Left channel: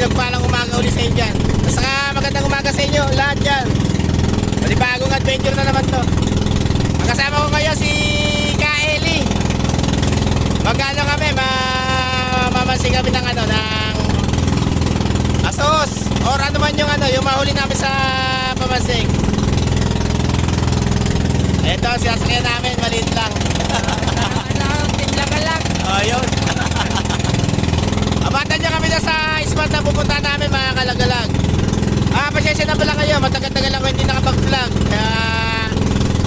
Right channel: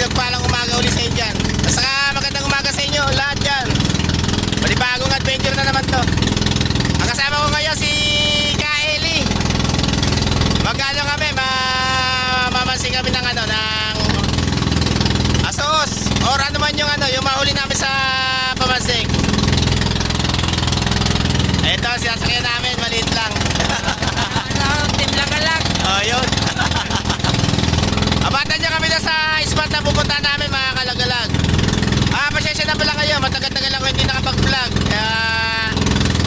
pinagpalang umaga uli sa inyo dyan. At saka magandang umaga sa inyo lahat dyan. Panibagong adventure na naman to. Ang kasama ko ngayon si Kaeli. Magkano kami, mamasin kami ng ano, ng asos. Or ano man yung ano, yung mahuli namin sa pamansing. Ito, sinasakyan namin, maliit lang. Timla ka lang. Oh, yun. Abatan nyo kami na sa spot na pupunta namin, mga kalagalag. Pasensya na pala kayo, matagal-tagal ako hindi nakapag-vlog. Kaya,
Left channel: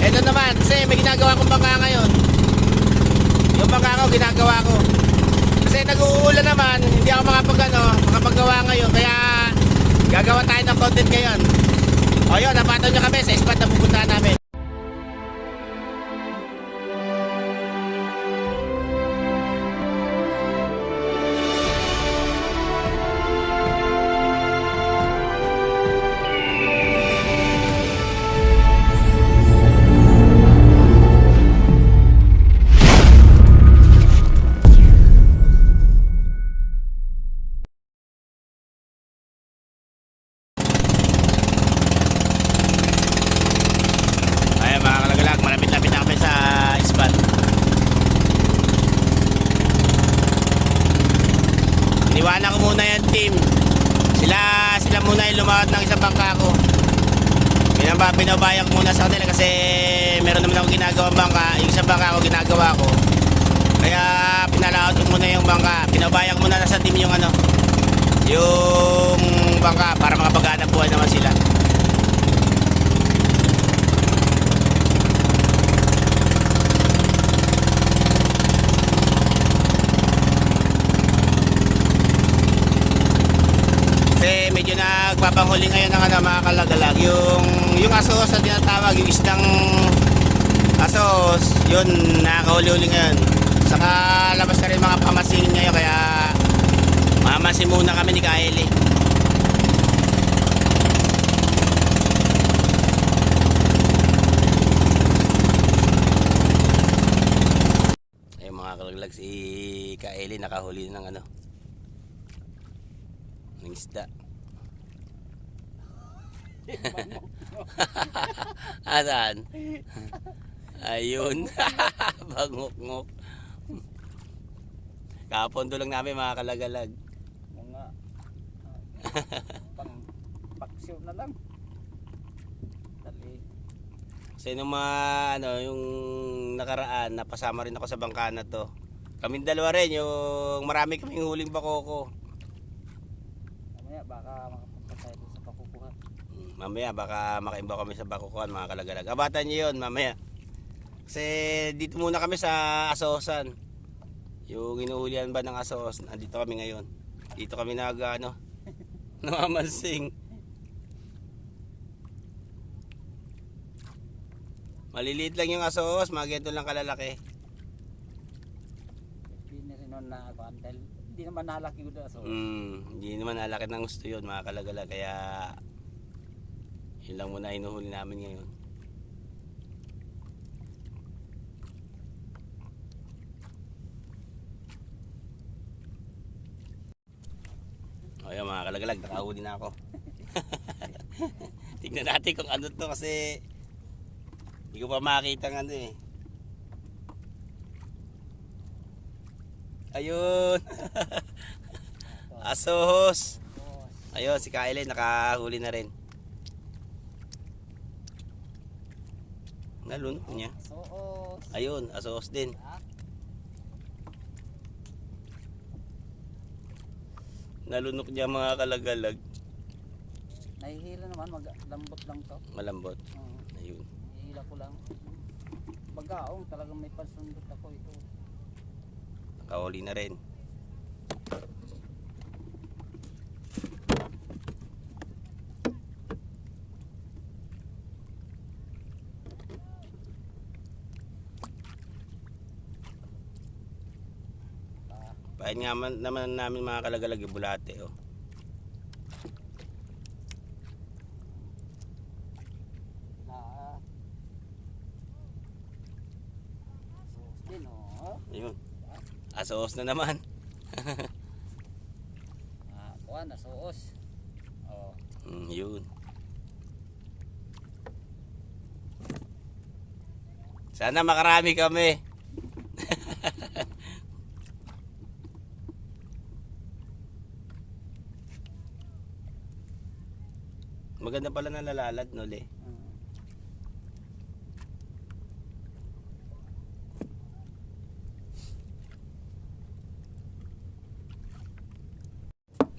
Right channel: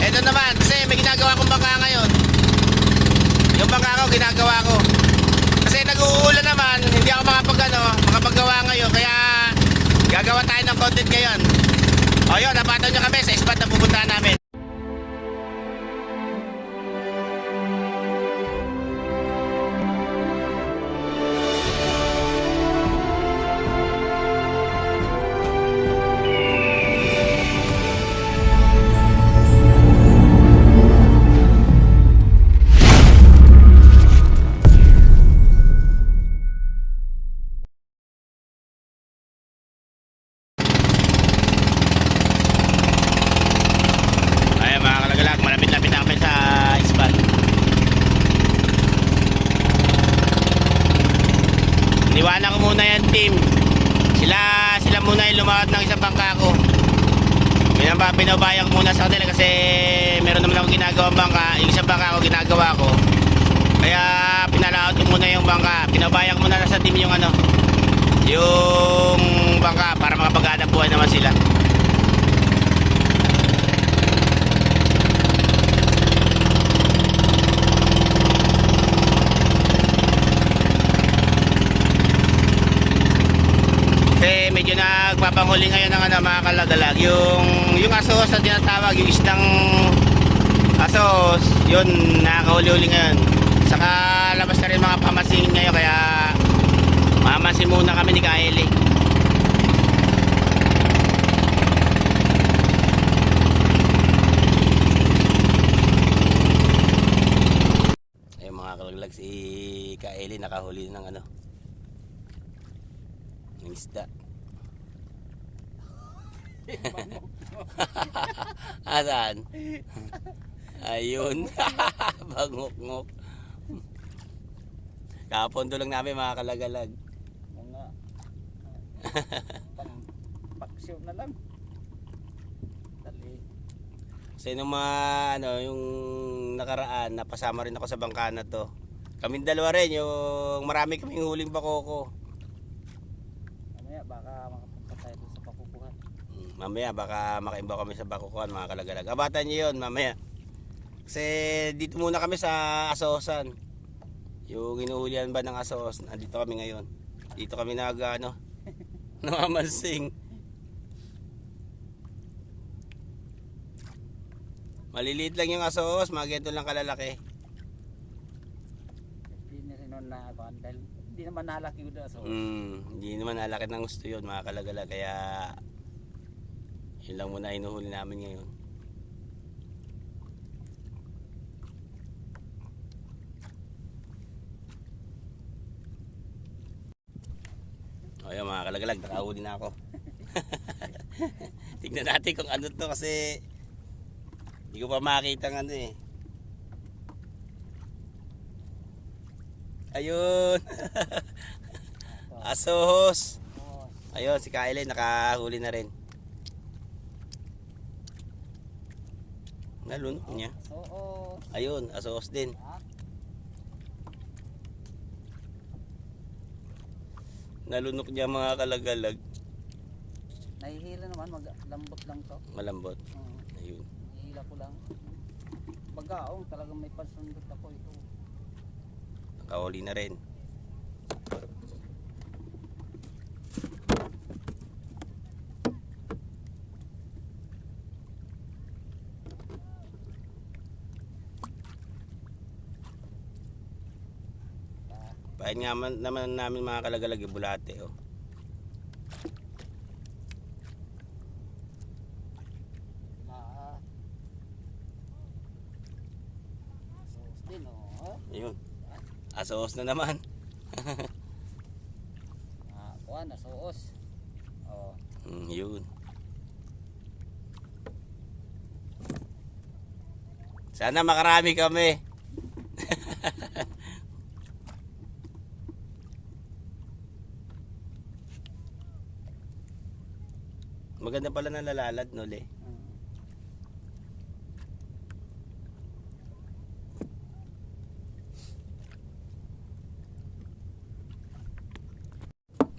eto naman, kasi may ginagawa kong bangka ngayon. Yung bangka ko, ginagawa ko. Kasi nag-uulan naman, hindi ako makapagawa ngayon. Kaya, gagawa tayo ng content ngayon. O yun, abatan nyo kami sa spot na pupunta namin. Iniwanan ko muna yan, team. Sila muna yung lumawat ng isang bangka ko. Pinabayang muna sa kanila kasi meron naman ako ginagawang bangka. Yung isang bangka ko ginagawa ko. Kaya pinalaot ko muna yung bangka. Pinabayang muna na sa team yung ano, yung bangka para makapag-hanap buhay naman sila. Medyo nagpapanghuli ngayon ng ano, mga kalagalag, yung asos na tinatawag, yung isdang asos, yun nakakahuli-huli ngayon. Saka labas na rin mga pamasin ngayon, kaya mamasin muna kami ni Kaeli. Ayun mga kalagalag, si Kaeli nakahuli ng ano, ng isda. Asan? Ayun. Bangok-ngok. Kapondo lang namin mga kalagalag. Mga paksyo na lang. Dali. Kasi nung mga ano, yung nakaraan, napasama rin ako sa bangka na to. Kaming dalawa rin, yung marami kaming huling bakoko. Mamaya baka makapunta tayo sa pakukuhan. Mamaya baka makaimbaw kami sa bakukuhan, mga kalagalag. Abatan nyo yun mamaya. Kasi dito muna kami sa Asosan. Yung inuhulihan ba ng asos, nandito kami ngayon. Dito kami ano, namamansing. Maliliit lang yung asos, mga ganito lang kalalaki. Hindi rin nun na ako, dahil hindi naman nalaki ko na. Hindi naman nalaki ng gusto yun, mga kalagalag. Kaya yun lang muna hinuhuli namin ngayon. O yun mga kalagalag, nakahuli na ako. Tignan natin kung ano to kasi hindi ko pa makita ng ano eh. Ayun. Asos. Ayun si Kaeli nakahuli na rin. Nalunok niya. Oo. Ayun, asos din. Nalunok niya mga kalagalag. Nahihila naman, lambot lang to. Malambot. Ayun. Nahihila ko lang. Bagaong talagang may pansundot ako ito. Nakahuli na rin. Pahin nga naman namin mga kalagalag yung bulate oh. Ayun. Asos na naman. kuan, nasuos. Oh. Yun. Sana makarami kami. Maganda pala na lalalad, no, Le?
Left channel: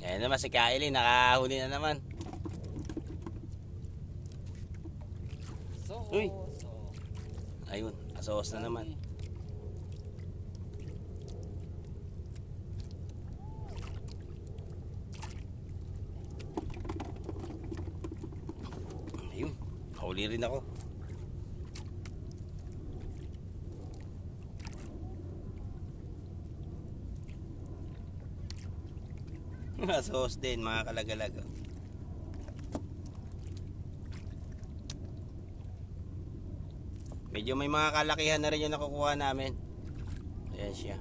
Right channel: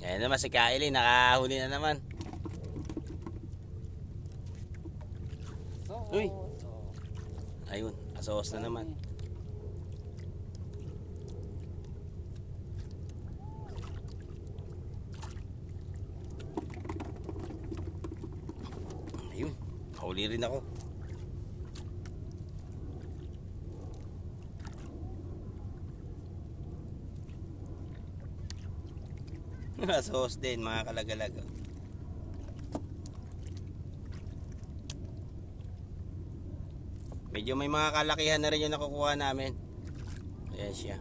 Ayan naman si Kylie, nakahuli na naman. So, Uy. so. Ayun, asos na naman. Ayun, huli rin ako. Asos din, mga kalagalag. Medyo may mga kalakihan na rin yung nakukuha namin. Ayan siya.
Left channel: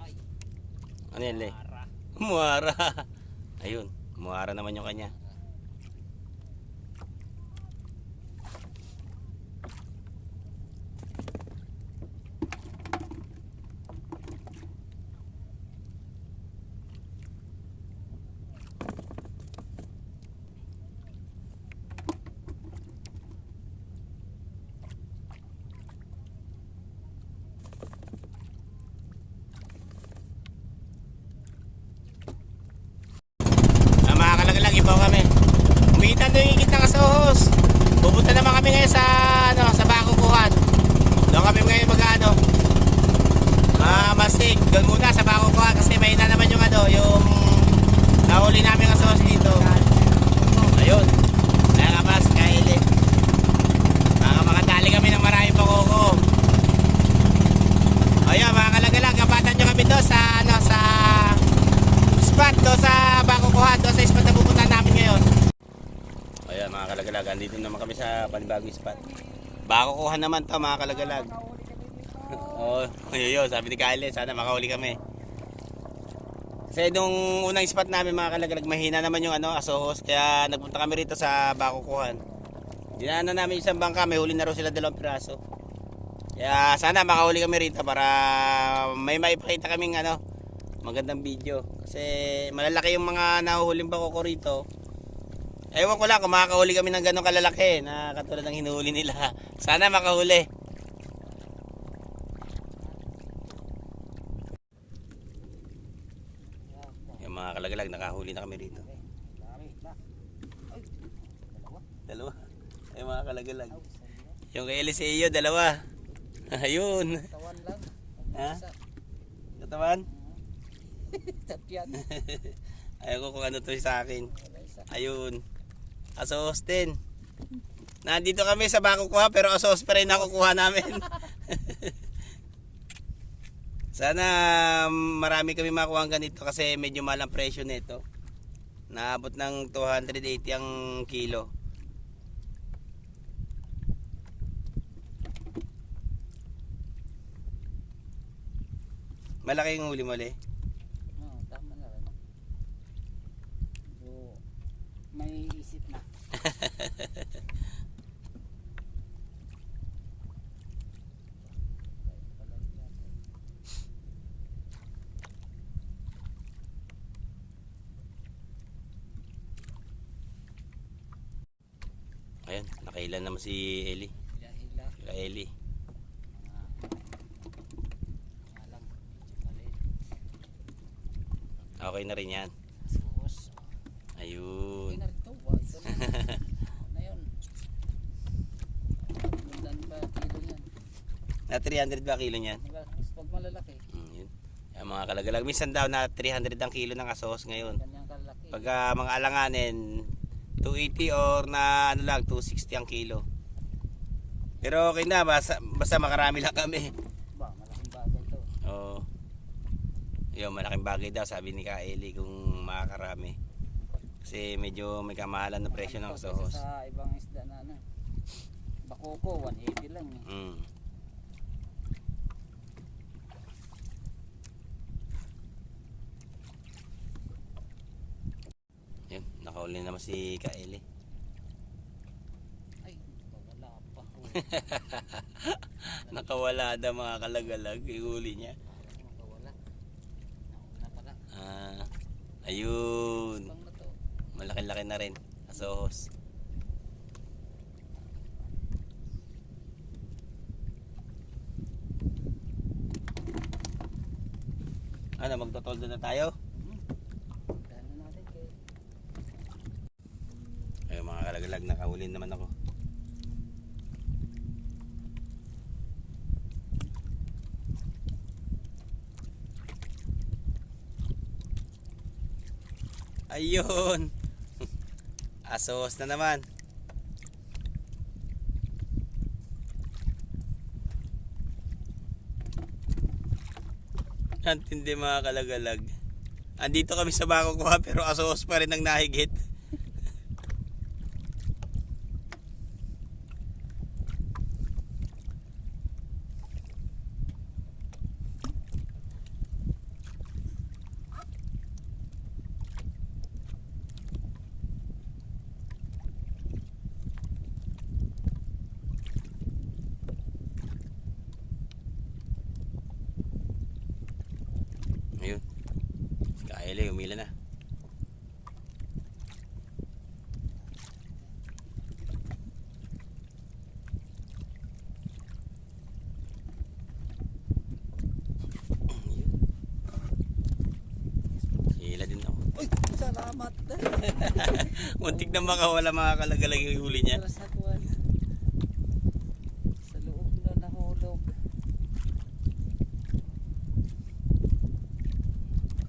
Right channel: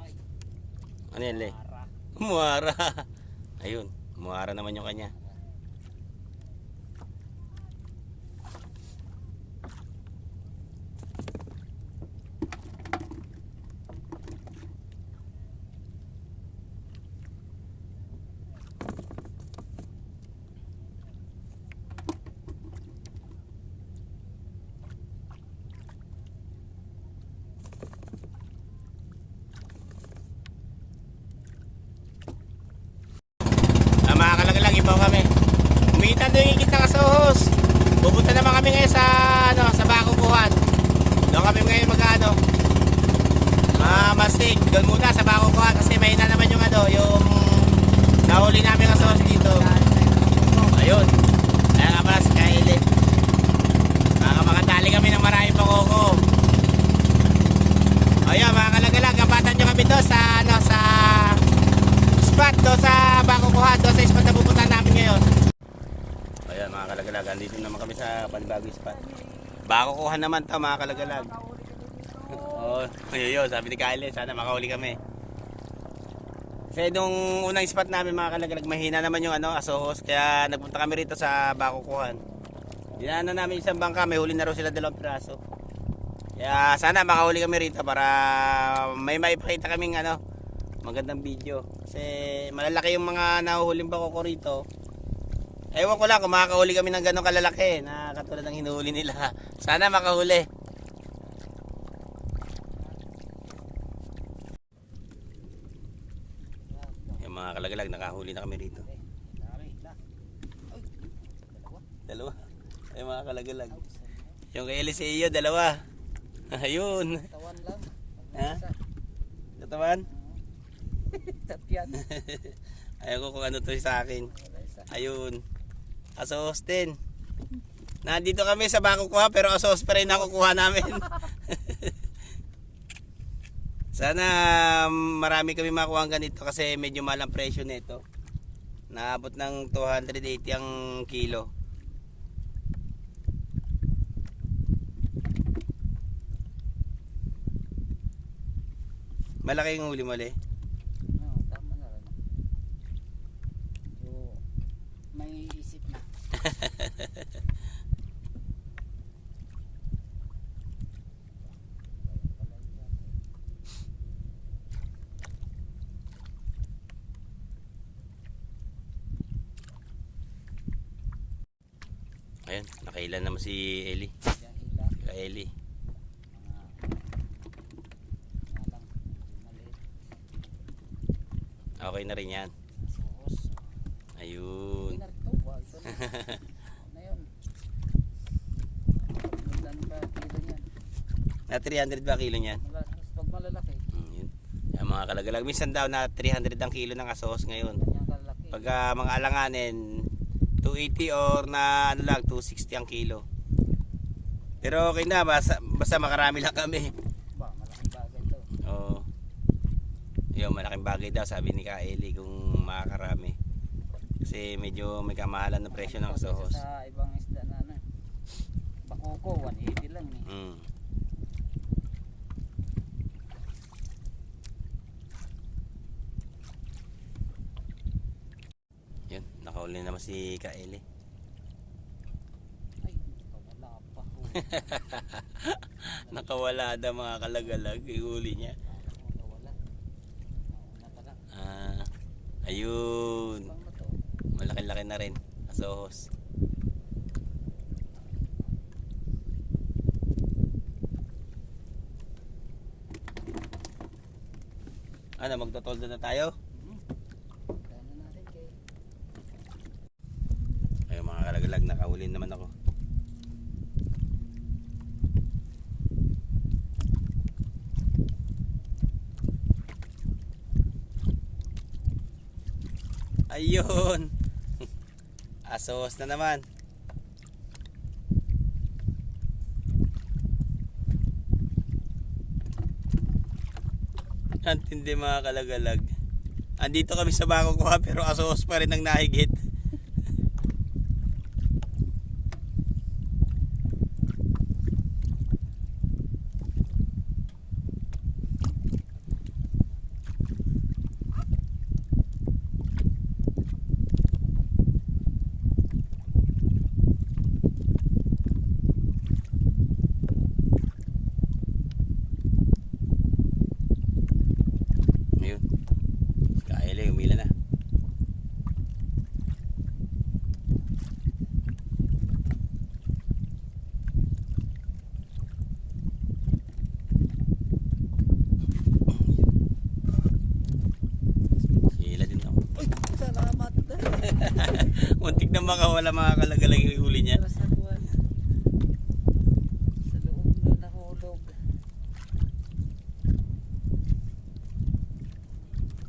Ay, Ano yan, Le? para. Muara. Ayun, muara naman yung kanya. Mga kalagalag, ibaw kami. Umitan doon yung higit ng asohos. Pupunta naman kami ngayon sa sa Bakukuhan. Doon kami ngayon mag-ano, mastig. Doon muna sa Bakukuhan kasi mahina naman yung yung nahuli namin asohos dito. Ayun. Kaya nga pala si Kylie. Makatali kami ng maraming pakoko. Ayun mga kalagalag, kapatan nyo kami doon sa sa spot doon sa Bakukuhan, doon sa spot na pupunta namin ngayon. Ayan mga kalagalag, andito naman kami sa panibagong spot. Bakukuhan naman to mga kalagalag. Oo, yun, sabi ni Kylie, sana makahuli kami. Kasi nung unang spot namin mga kalagalag, mahina naman yung asohos, kaya nagpunta kami rito sa Bakukuhan. Dinaanan namin isang bangka, may huli na raw sila 2 piraso. Kaya sana makahuli kami rito para may maipakita kaming magandang video. Kasi malalaki yung mga nahuhuling bakoko rito. Ewan ko lang kung makakahuli kami ng ganong kalalaki na katulad ng hinuhuli nila. Sana makahuli. Yung mga kalagalag, nakahuli na kami rito. Dami na. Ay, dalawa. 2. Ay mga kalagalag. Ay, isa. Yung kay Eliseo, 2. Ayun. Tawan lang. Ha? Isa. Katawan? Tatyan. Ayaw ko kung ano to sa akin. Wala isa. Ayun. Asos din. Nandito kami sa Bakukuha pero asos pa rin nakukuha namin. Sana marami kami makuha ganito kasi medyo mahal ang presyo nito. Naabot ng 280 ang kilo. Malaki yung huli mo, Le. No, tama na rin. So, may isip na. Ayun, nakailan naman si Eli. Dahila. Ka Eli. Nga lang, medyo maliit. Okay na rin yan. Sos. Ayun. Pinarito ba? Ito na. Ano na yun? Bundan ba kilo yan? Na 300 ba kilo niyan? Pag malalaki, Yun. Kaya mga kalagalag. Minsan daw na 300 ang kilo ng asos ngayon. ganyang kalaki. Pag mga alanganin, 280 or na 260 ang kilo. Pero okay na, basta makarami lang kami. Ba, malaking bagay to. Oo. Yun, malaking bagay daw sabi ni Ka Eli kung makakarami. Kasi medyo may kamahalan na presyo ng Kaysa sohos. sa ibang isda na ano. Bakoko 180 lang eh. Mm. Yun, nakauli naman si Kaeli. Ay, wala pa ho. Nakawala na mga kalagalag, ihuli niya. Parang nakawala. Nauna pala. Ah, ayun. Bang na to. Malaki-laki na rin. Asohos. Ano, magtotoldo na tayo? Gano'n natin kayo. Ayun mga kalagalag, nakahuli naman ako. Ayun. Asos na naman. Ang tindi mga kalagalag. Andito kami sa bako ko pero asos pa rin ang nahigit. Ayun. Si Kaeli umila na. Hila din ako. Uy, salamat. Muntik na makawala mga kalagalag yung huli niya. Sa kuwan. Sa loob doon nahulog.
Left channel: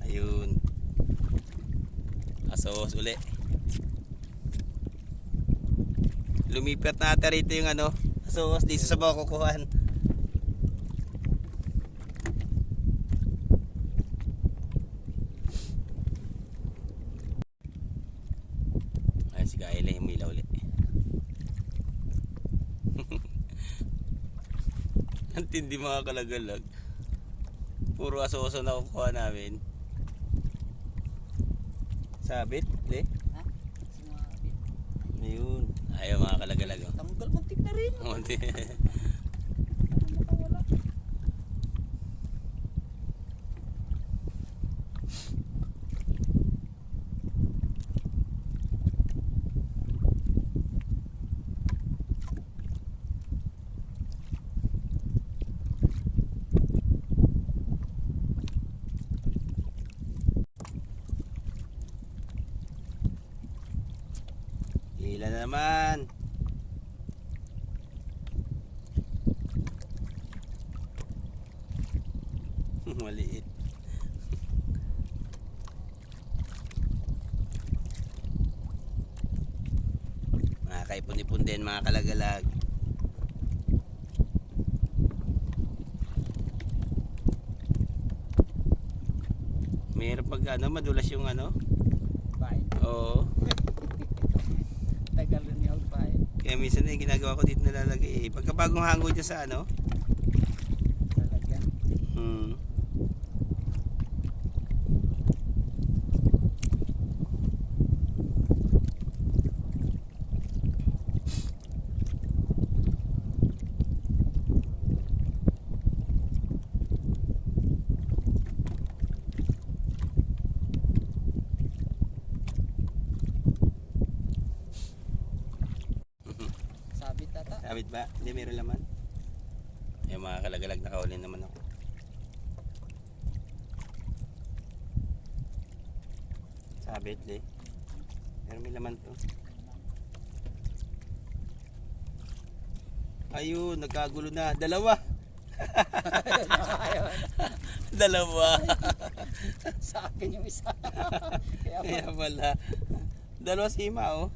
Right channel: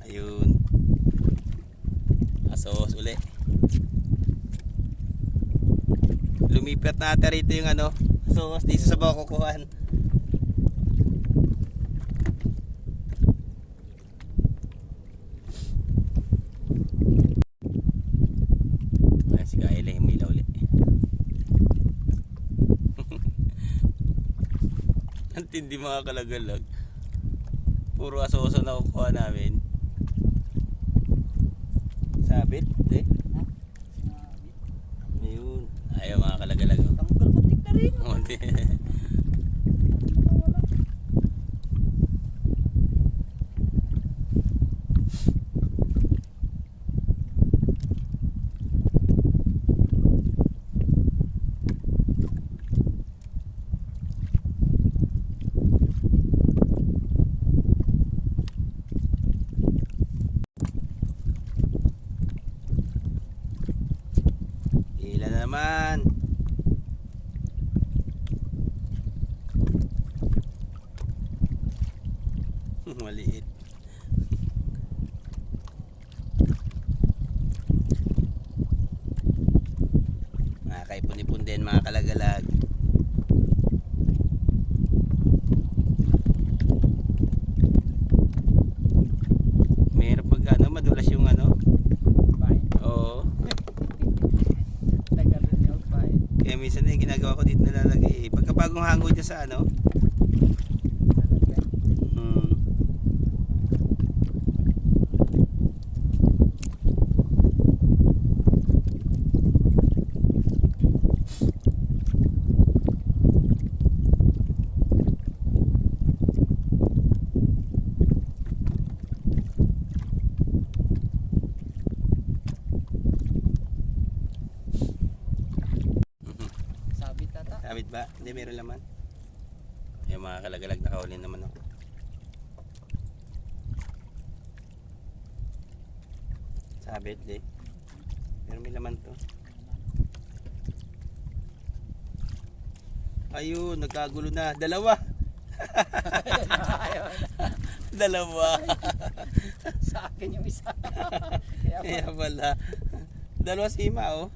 Ayun. Asos uli. Lumipat na ata rito yung ano, asos dito sa bako kukuhan. Ayan si Kaeli, humila uli. Ang tindi mga kalagalag. Puro asoso na kukuha namin. Sabit, di? Ha? Sumabi. Ayun. Ayaw mga kalagalag. Tanggal muntik na rin. Munti. Nakawala. Hila na naman. Maliit. Mga kaipon-ipon din mga kalagalag. Meron pag ano, madulas yung ano. Fine. Oo. Tagal rin yung fine. Kaya minsan eh, ginagawa ko dito nalalagay eh. Pagka bagong hango dyan sa ano. Talaga. Hmm. Sabit ata. Sabit ba? Hindi, meron laman. Yung mga kalagalag nakahuli naman ako. Sabit, di. Pero may laman to. Ayun, nagkagulo na. Dalawa. Ayun. Dalawa. Sa akin yung isa. Kaya Kaya pala. Dalawa sima, oh.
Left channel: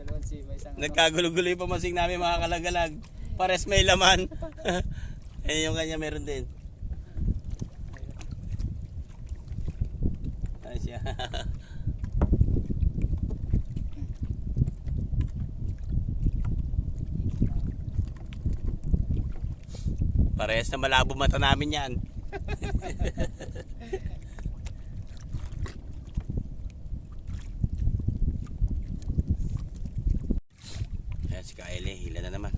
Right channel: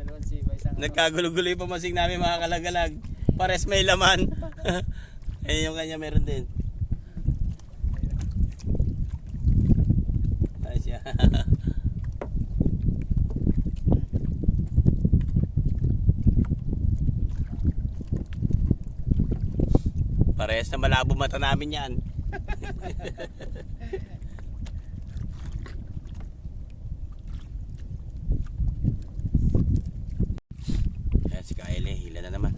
dalawang siba, isang ano. Nagkagulo-gulo yung pamasing namin mga kalagalag. Pares may laman. Ayun yung kanya meron din. Ayun. Ayos siya. Parehas na malabo mata namin yan. Ayan si Kaele, hila na naman.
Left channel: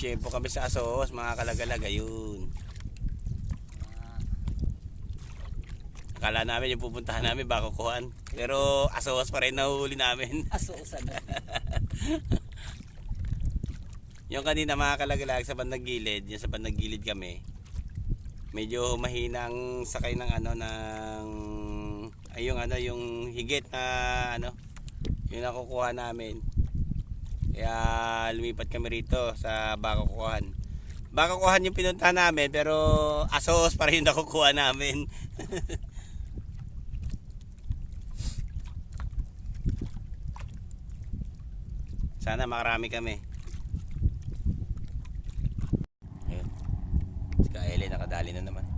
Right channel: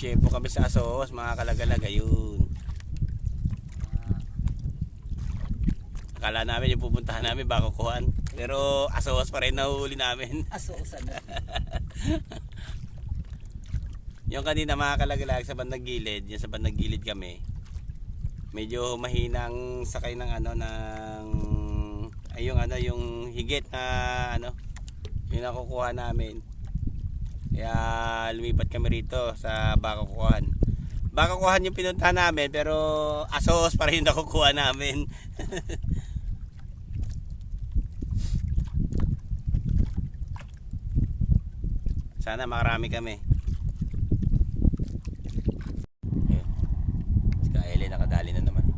Tiyempo kami sa Asos, mga kalagalag. Ayun. Akala namin yung pupuntahan namin baka kuhan. Pero Asos pa rin nahuhuli namin. Aso-usan. Yung kanina mga kalagalag sa bandang gilid, yung sa bandang gilid kami. Medyo mahinang sakay ng ano ng ay yung ano yung higit na ano yung nakukuha namin. Kaya lumipat kami rito sa Bakakuhan. Bakakuhan yung pinunta namin pero Asos pa rin yung nakukuha namin. Sana makarami kami. Ayun. Si Kaele nakadali na naman.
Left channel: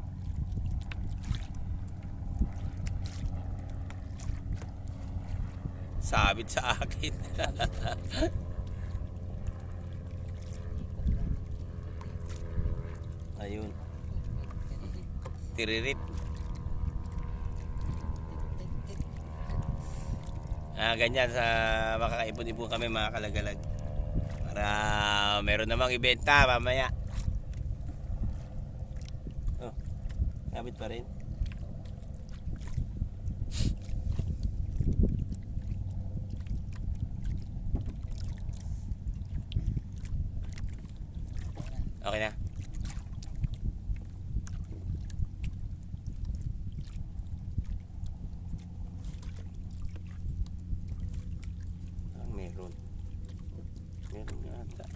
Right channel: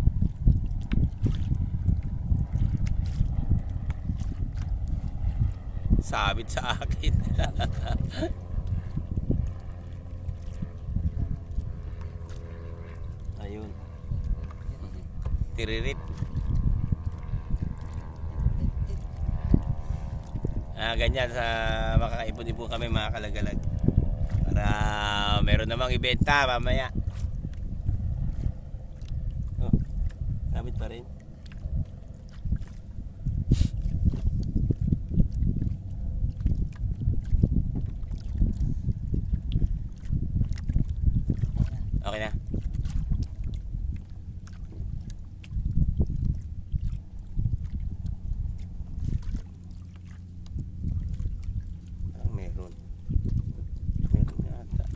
Sabit sa akin. Ayun. Tiririt. Ganyan sa makakaipon-ipon kami mga kalagalag. Para meron namang ibenta mamaya. Oh, sabit pa rin. Okay na. Meron. Meron yata.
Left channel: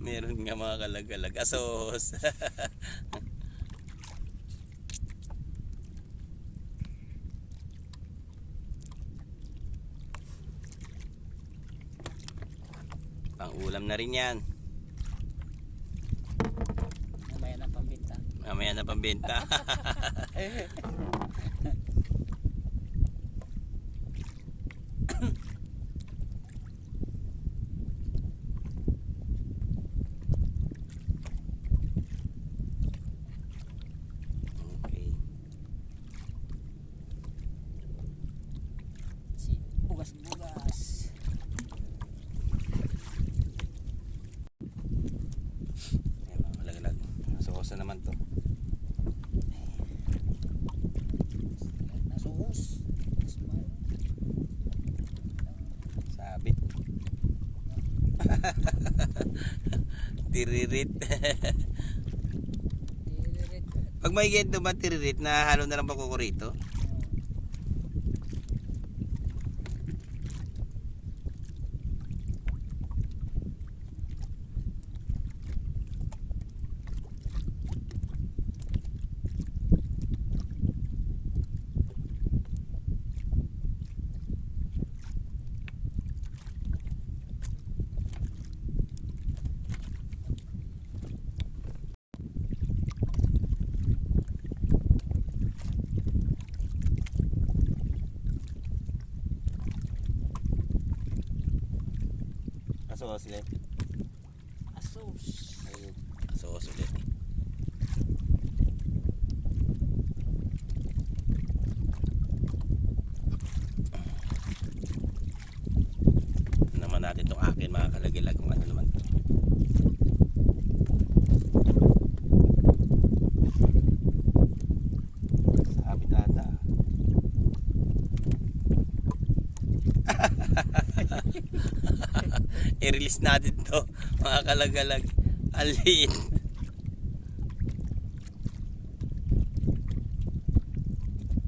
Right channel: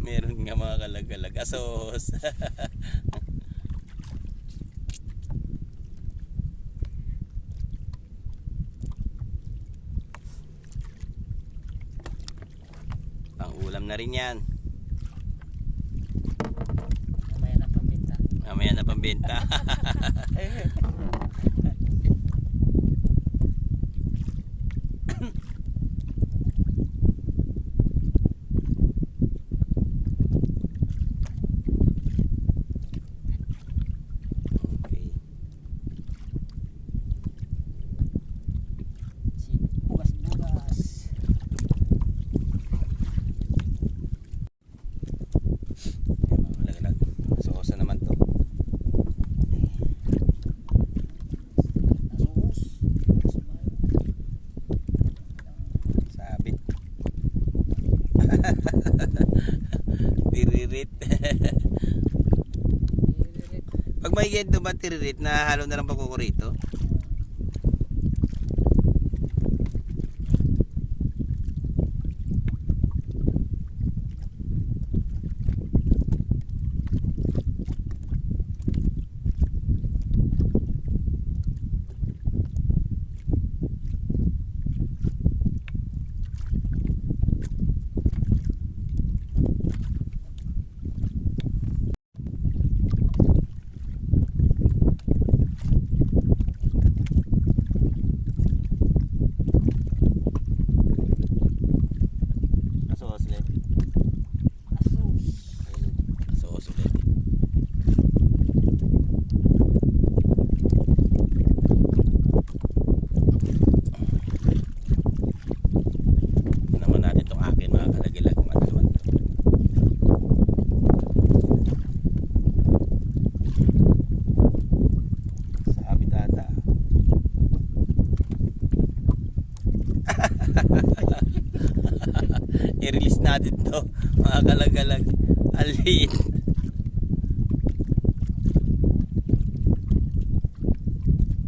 Meron nga mga kalagalag. Asos. Pang-ulam na rin yan. Mamaya na pambenta. Mamaya na pambenta. Okay. Si bugas-bugas. Ayan, mga kalagalag. Sosa naman to. Asos. Sabit. Tiririt. Tiririt. Pag may gento ba tiririt na halo na lang pakukurito? Asos ulit. Asos. Asos ulit. Ito naman natin itong akin mga kalagilag kung ano naman ito. Sabit ata. I-release natin to mga kalagalag. Alit.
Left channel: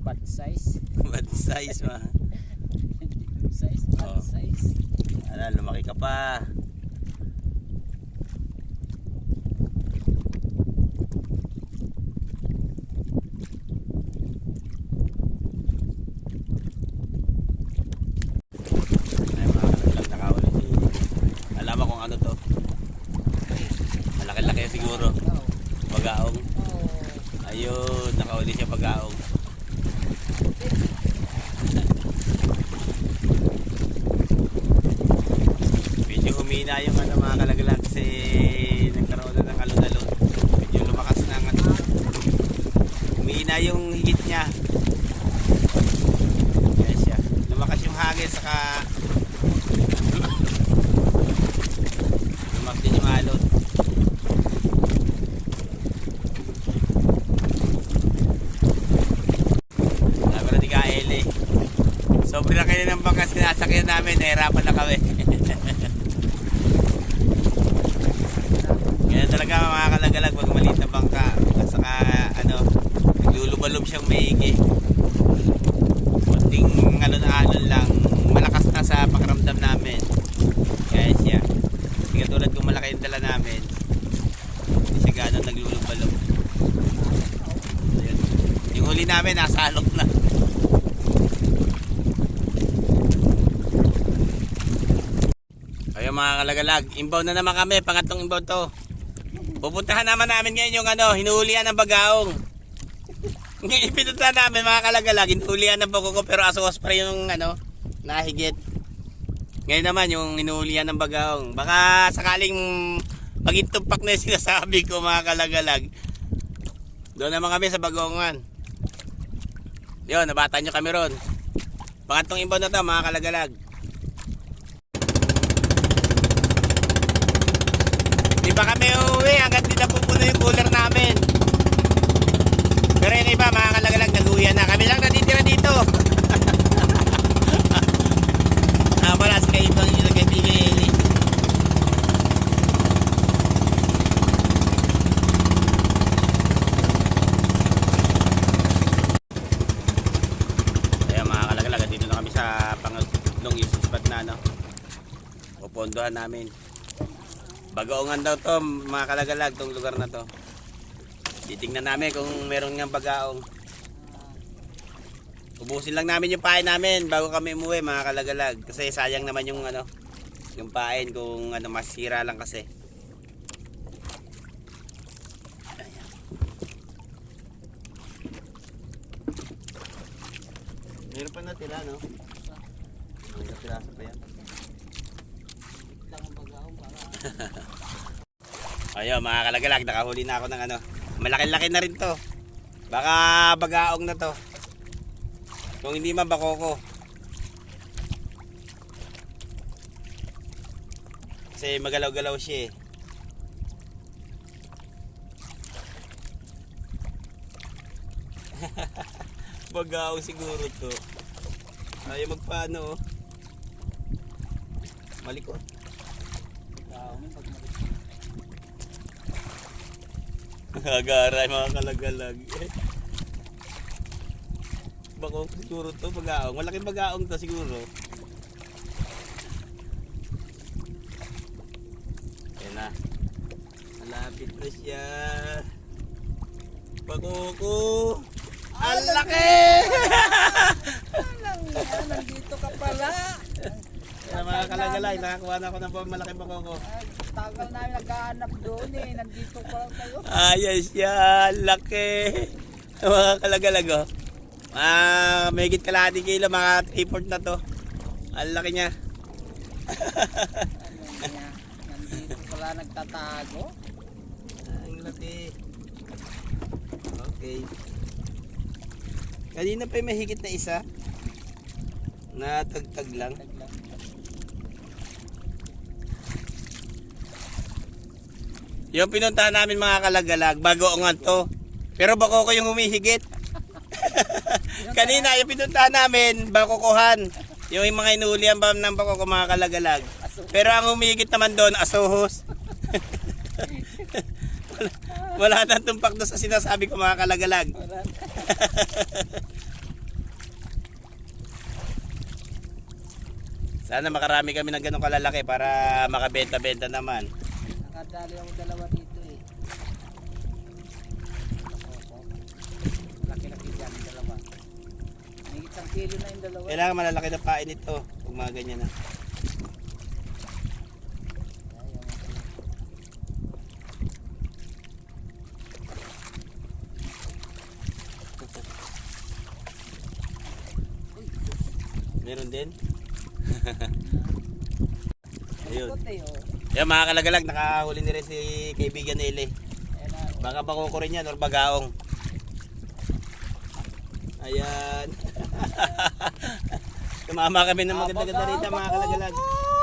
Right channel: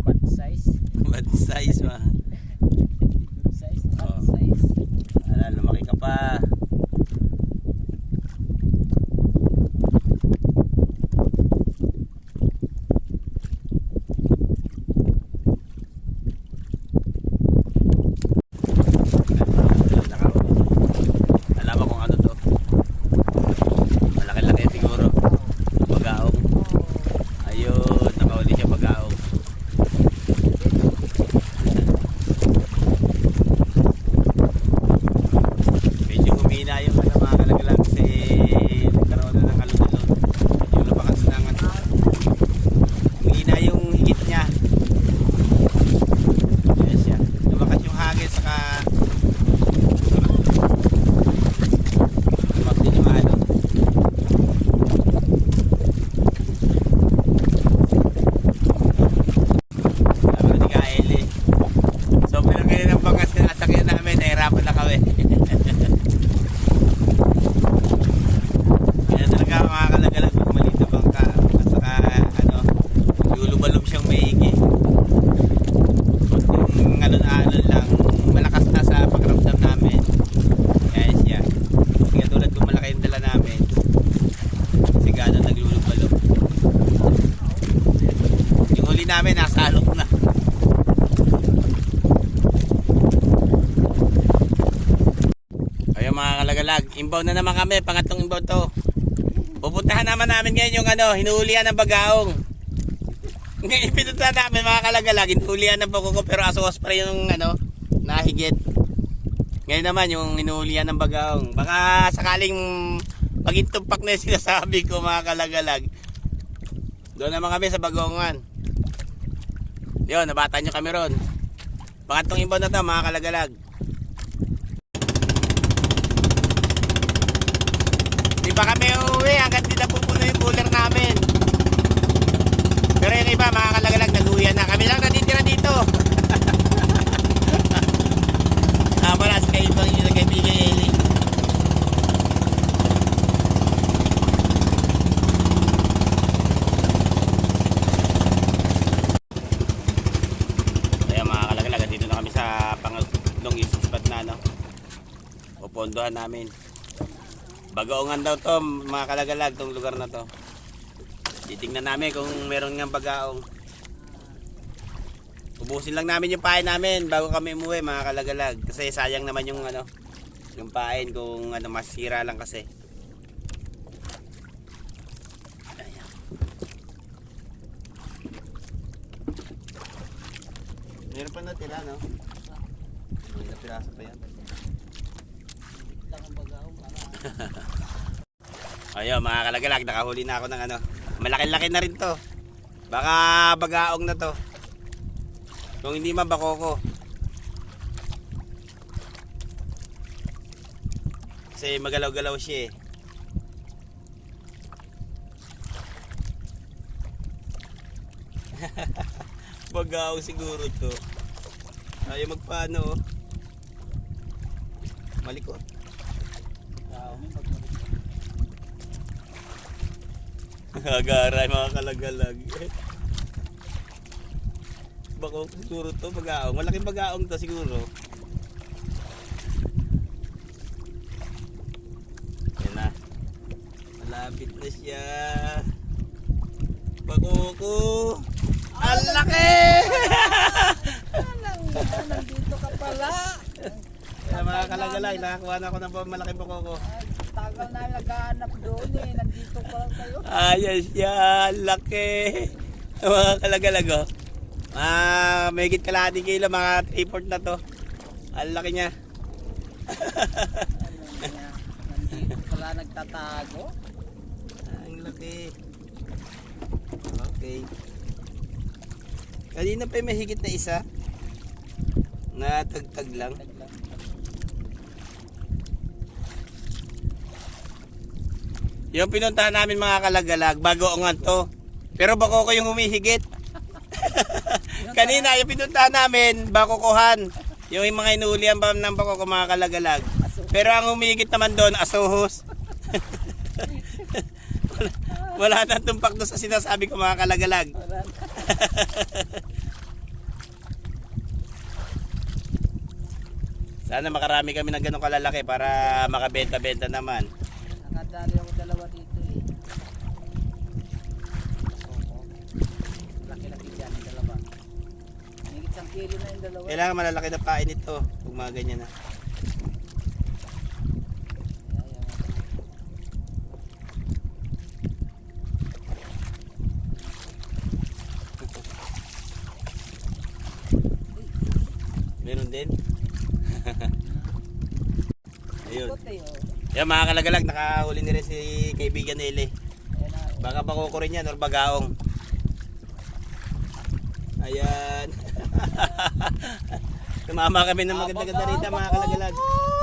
Bad size. Bad size mga. Good size. Oh. Bad size. Lumaki ka pa. Ay, mga kalagalag nakaulit. Alam mo kung ano to. Malaki-laki siguro. Oh. Wag nahihirapan na kami. Ganyan talaga mga kalagalag pag maliit na bangka. At saka ano, naglulubalog siyang maigi. Kunting alon-alon lang, malakas na sa pakiramdam namin. Kaya siya. Kasi katulad kung malaki yung dala namin, hindi siya gano'n naglulubalog. Ayun. Yung huli namin, nasa alok na. Ayun mga kalagalag, inbound na naman kami, pangatlong inbound to. Pupuntahan naman namin ngayon yung ano, hinuhulihan ng bagaong. Ngayon pinunta namin mga kalagalag, hinuhulihan ng bagaong pero asos pa rin yung ano, nahigit. Ngayon naman yung hinuhulihan ng bagaong. Baka sakaling maging tumpak na yung sinasabi ko mga kalagalag. Doon naman kami sa bagaongan. Yun, nabata nyo kami ron. Pangatlong inbound na to mga kalagalag. Di pa kami uuwi hanggang di na pupuno yung cooler namin. Pero yung iba mga kalagalag nag-uwian na. Kami lang natitira dito. Wala sa kaibang yung kaibigan Eli. Kaya mga kalagalag, dito na kami sa pangatlong spot na no. Pupunduhan namin. Bagaongan daw to mga kalagalag, tong lugar na to. Titingnan namin kung meron nga bagaong. Ubusin lang namin yung pain namin bago kami umuwi mga kalagalag. Kasi sayang naman yung ano, yung pain kung ano masira lang kasi. Ayan. Meron pa natila no? May napiraso pa yan. Ayun mga kalagalag, nakahuli na ako ng ano. Malaki-laki na rin to. Baka bagaong na to. Kung hindi man bakoko. Kasi magalaw-galaw siya eh. Bagaong siguro to. Ayaw magpaano oh. Malikot. Agaray mga kalagalag. Bako siguro to bagaong. Malaking bagaong to siguro. Yan na. Malapit na siya. Bakoko. Ang laki! Nandito ka pala. Kaya mga kalagalag, nakakuha na ako ng malaking bakoko. Ay, tagal namin naghahanap doon eh. Nandito pa lang kayo. Ayos yan, laki. Mga kalagalag oh. May higit kalahati kilo, mga 3/4 na to. Ang laki niya. Ano niya? Nandito pala nagtatago. Ang laki. Okay. Kanina pa may higit na isa. Natagtag lang. Yung pinuntahan namin mga kalagalag, bagoongan to. Pero bako ko yung humihigit. Kanina yung pinuntahan namin, bakokohan. Yung mga inuulian ba ng bako ko mga kalagalag. Pero ang humihigit naman doon, asuhos. wala nang tumpak doon sa sinasabi ko mga kalagalag. Sana makarami kami ng ganong kalalaki para makabenta-benta naman. Nakadali ako dalawa dito eh. Opo. Laki-laki dyan yung dalawa. Higit 1 kilo na yung dalawa. Kailangan malalaki na pain ito kung mga ganyan na. Meron din. Ayun. Yan mga kalagalag, nakahuli ni rin si kaibigan Eli. Baka bakoko rin yan or bagaong. Ayan. Tumama kami ng maganda-ganda rito mga kalagalag.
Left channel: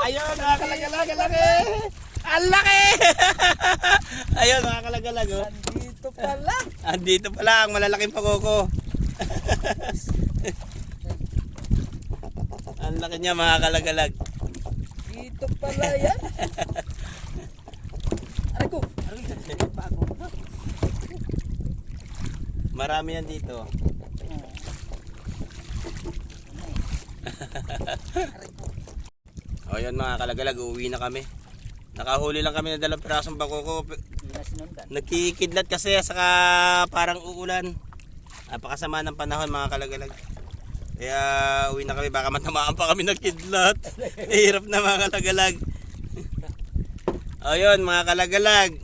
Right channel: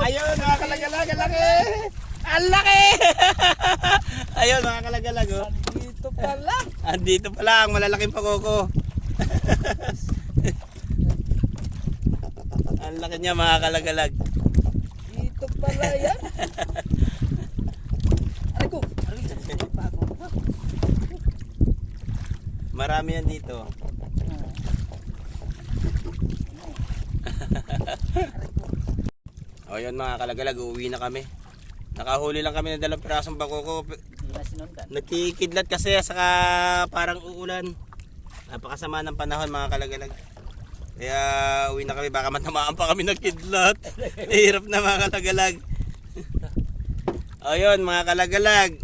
Ayun mga kalagalag, ang laki! Ang laki! Ayun mga kalagalag oh. Andito pala. Andito pala ang malalaking pakoko. Ang laki niya mga kalagalag. pala yan. Aray ko. Pa ako. Marami yan dito. O yun mga kalagalag, uuwi na kami. Nakahuli lang kami ng 2 pirasong bakoko. Hindi na sinundan. Nagkikidlat kasi saka parang uulan. Napakasama ng panahon mga kalagalag. Kaya uwi na kami, baka matamaan pa kami ng kidlat. Hirap na mga kalagalag. O yun mga kalagalag.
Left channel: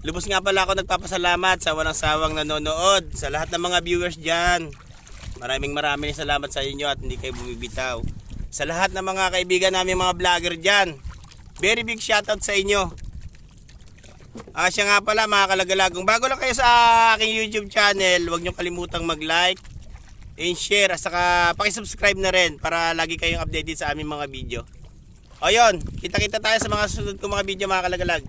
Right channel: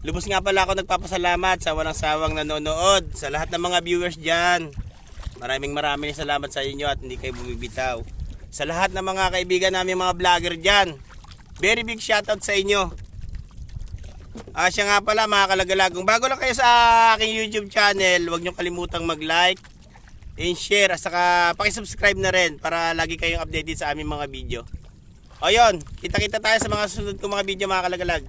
Lubos nga pala ako nagpapasalamat sa walang sawang nanonood. Sa lahat ng mga viewers dyan. Maraming salamat sa inyo at hindi kayo bumibitaw. Sa lahat ng mga kaibigan namin mga vlogger dyan. Very big shoutout sa inyo. Siya nga pala mga kalagalag. Kung bago lang kayo sa aking YouTube channel, huwag nyo kalimutang mag-like and share. At saka pakisubscribe na rin para lagi kayong updated sa aming mga video. O yun, kita-kita tayo sa mga susunod kong mga video mga kalagalag.